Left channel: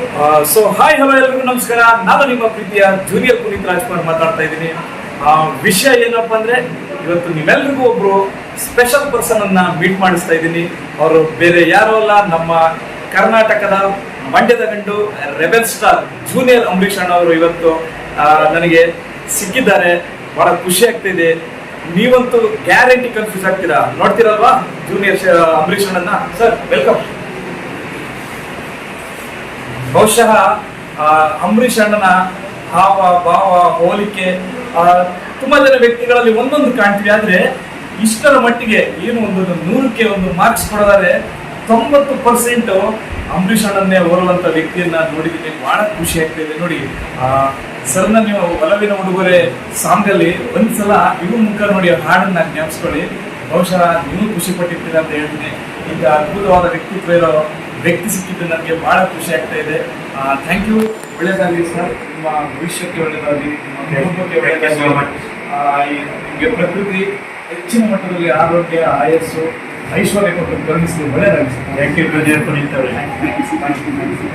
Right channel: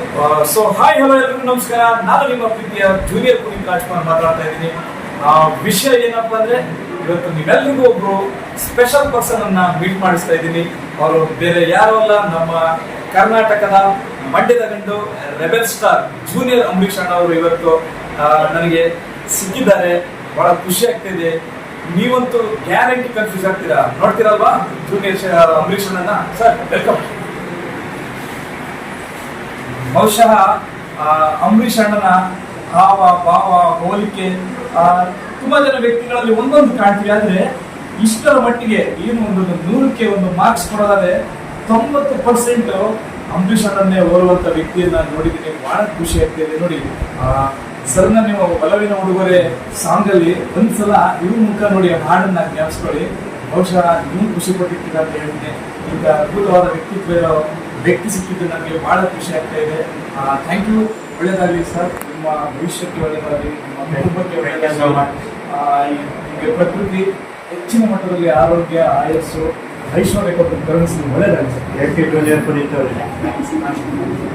Hi hello ಎಲ್ರಿಗೂ ನಮಸ್ಕಾರ. ನಾನು ನಿಮ್ಮ ಪ್ರೀತಿಯ ಜೂನಿಯರ್ ಪುನೀತ್ ರಾಜ್ಕುಮಾರ್ ಮಾತಾಡ್ತಾ ಇದ್ದೀನಿ. ವಿಷಯ ಏನಪ್ಪಾ ಅಂದ್ರೆ, ಇವತ್ತು ನೀವೆಲ್ರಿಗೂ ಒಬ್ರು ಸ್ಪೆಷಲ್ ಪರ್ಸನ್ ಅನ್ನ ಮೀಟ್ ಮಾಡಿಸ್ತಾ ಇದ್ದೀನಿ. ಅವರು ಬೇರೆ ಯಾರು ಅಲ್ಲ, ನಮ್ಮ ಕರ್ನಾಟಕದ ಮಂಡ್ಯದ ಗಂಡು ರೆಬೆಲ್ ಸ್ಟಾರ್ ಜೂನಿಯರ್ ಅಂಬರೀಷ್ ಅಣ್ಣ ಅವರು ಇವತ್ತು ನನಗೆ ಸಿಕ್ಕಿದ್ದಾರೆ. ಬಹಳ ಖುಷಿ ಆಗ್ತಿದೆ. ನೀವಂತೂ ಗ್ಯಾರಂಟಿ ಕನ್ಫ್ಯೂಸ್ ಆಗ್ತೀರಾ, ನೋಡ್ತೀರಲ್ವಾ ಜೂನಿಯರ್ ಅಂಬರೀಷ್ ಅಣ್ಣನ. Sir welcome. ಬಹುಶಃ ಅಂಬರೀಷ್ ಅಣ್ಣನ ಹಾವ ಭಾವ ಹೋಲಿಕೆ ತುಂಬಾ ಜನ ವ್ಯಕ್ತಿಗಳಲ್ಲಿ ಒಂದೊಂದು ಕಾಣ್ತೀವಿ. ಆದ್ರೆ ಇಷ್ಟರ ಮಟ್ಟಿಗೆ ಏನು ಒಂದು 100ಕ್ಕೆ ಒಂದು ಮಾರ್ಕ್ಸ್ ಕೊಡೋದಾದ್ರೆ 90% ಅಂಬರೀಷ್ ಅಣ್ಣನ್ನೇ ಹೋಲುವಂತ ವ್ಯಕ್ತಿಯನ್ನ ನೋಡಿದ್ದೀನಿ. ಬಹಳ ಖುಷಿ ಆಗ್ತಿದೆ ನೋಡಿ. ಸರ್ ನೀವು ಒಲವಿನ ಉಡುಗೊರೆ ಸಾಂಗ್ ಅಲ್ಲಿ ಒಂದ್ಸಲ ಇವ್ರ ಮುಖ ನೋಡಿ ಹಾಡನ್ನ ಜ್ಞಾಪಿಸ್ಕೊಳ್ಳಿ. ಬಹುಶಃ ನೀವು ಖುಷಿ ಪಟ್ಟಿರ್ತೀರ ಅಂತ ಹೇಳ್ತೀನಿ. ಈಗ ಅದ್ಭುತವಾದ ವ್ಯಕ್ತಿತ್ವ ಇರೋ ವ್ಯಕ್ತಿ ಸಿಕ್ಕಿದ್ದು ನನಗೆ ಬಹಳ ಖುಷಿ ಆಗ್ತಾ ಇದೆ. Thank you. ಒಳ್ಳೇದಾಗಲಿ ಸರ್, ನಿಮ್ಮ ಭವಿಷ್ಯಕ್ಕೆ ಒಳ್ಳೇದಾಗಲಿ, ನಿಮ್ಮ ಕುಟುಂಬಕ್ಕೆ ಒಳ್ಳೇದಾಗಲಿ. ನಿಮಗೆ ಪ್ರಕೃತಿ ಹೆಚ್ಚಿನ ಮಟ್ಟದಲ್ಲಿ ಆರೋಗ್ಯ, ಆಯಸ್ಸು, ಐಶ್ವರ್ಯ ಕೊಟ್ಟು ಕರುಣಿಸಿ ಒಳ್ಳೇದಾಗಲಿ sir. Thank you junior Puneeth. Thank you.